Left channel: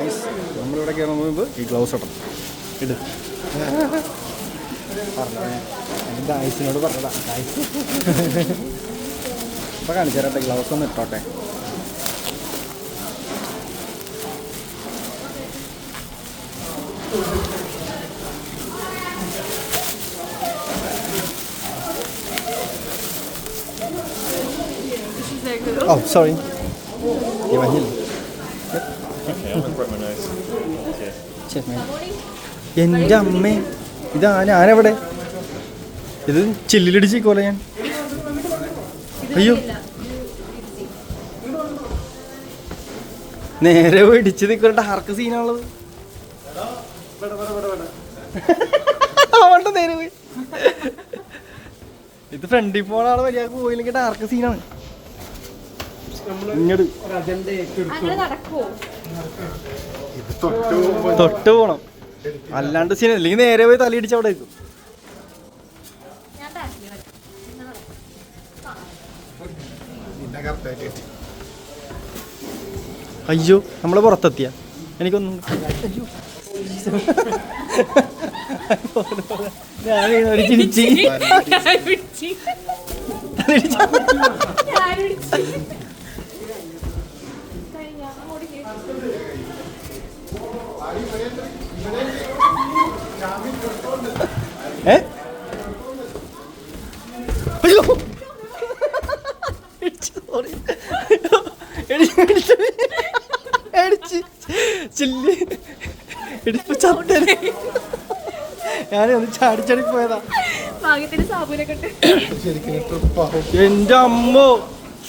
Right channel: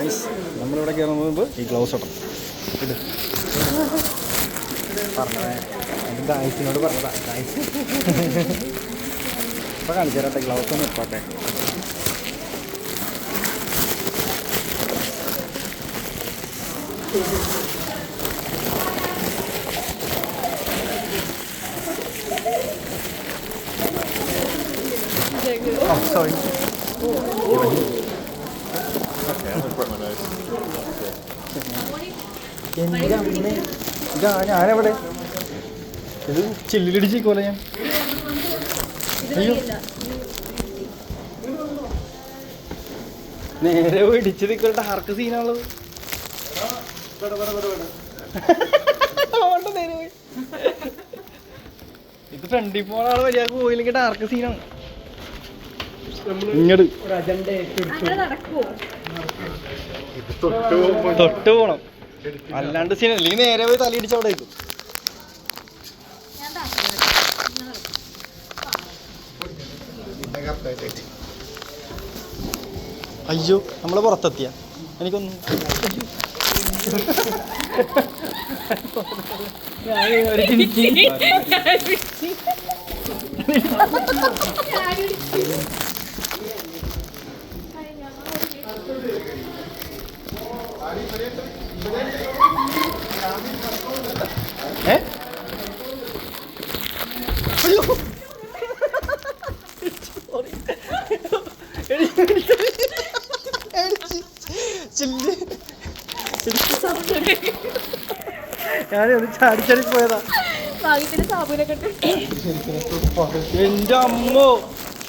നമ്മളിവിടെ കയറുന്ന മുമ്പ് ഈ ഗ്ലൗസ് ഇടണം. ഇത് പറഞ്ഞോ എൻ്റെ ഗായ്സിനോട് പറഞ്ഞതാ. ഗായ്സ് ഇപ്പോൾ കാണിച്ചു തരട്ടെ, ഗ്ലൗസ് ഒന്ന് ഇട്ടോട്ടെ. Oh, sorry. You are here. എൻ്റെ അമ്മേ, ഇതാ ഞാനെവിടെ? ഇത് ചില്ലിലിടിച്ചിക്കോലെ ഞാൻ. അയ്യോ, നേരെ ഇടിച്ച് നിൽക്കുന്ന ഡാർക്ക് സീനാണുള്ളത്. നേരെ പോയി. ഇത് ഫ്രണ്ടിൽ പോണ ആള് വരിയാക്ക് പോയില്ലെങ്കിൽ ഡാർക്ക് സീനാണ്. ഇങ്ങോട്ട് തൊട്ട് പോണം, അല്ലാണ്ട് സീൻ. അല്ലെങ്കിൽ നേരെ പോയി തലയിടിച്ച് അവിടെ വയ്ക്കും. അയ്യോ, നമ്മള് പുറത്തെത്തിയ എനിക്കൊന്നും ഞാനൊന്ന് ചാടിച്ചാടി പോയതാ. എന്റെ അമ്മോ,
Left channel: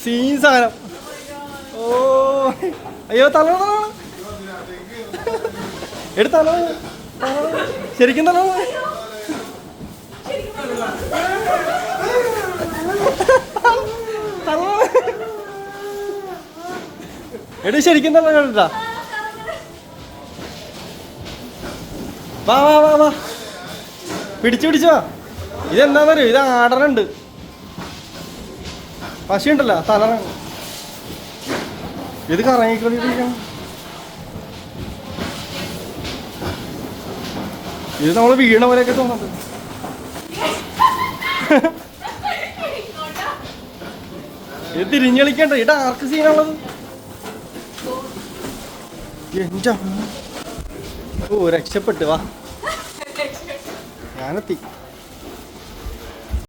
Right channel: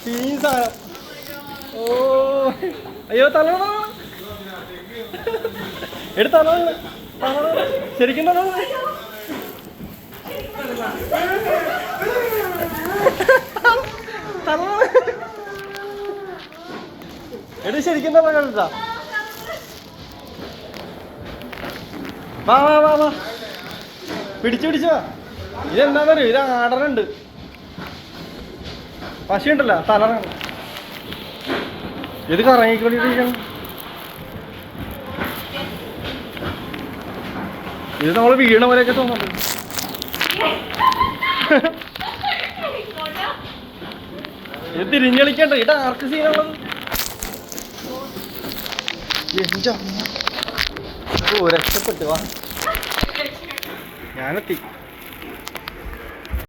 സീൻ സാധനം. ഓ അയ്യോ, തല എടുത്താലോ, ശരിക്കും തല എടി ശരിക്കും തന്നെ കണ്ടാ. വാ വാ വാ വാ, പിടിച്ചോ. ഇതെന്താന്നറിയോ, ഇത് ആടനുണ്ട്. പശയുണ്ടല്ലോ, തലറാണ്. ഇത് കറങ്ങിക്കൊണ്ടിരിക്കണം. ഇത് നമ്മള് വീണ പോലെയൊക്കെ തോന്നുന്നുണ്ട്. ഇത് തിരിഞ്ഞു കളിക്കണ്ട, ഇത് ആർക്ക് സീനാണത്. എന്റെ അമ്മ, ഓ രക്ഷപ്പെട്ടു. വാ, ഞാനെത്തി.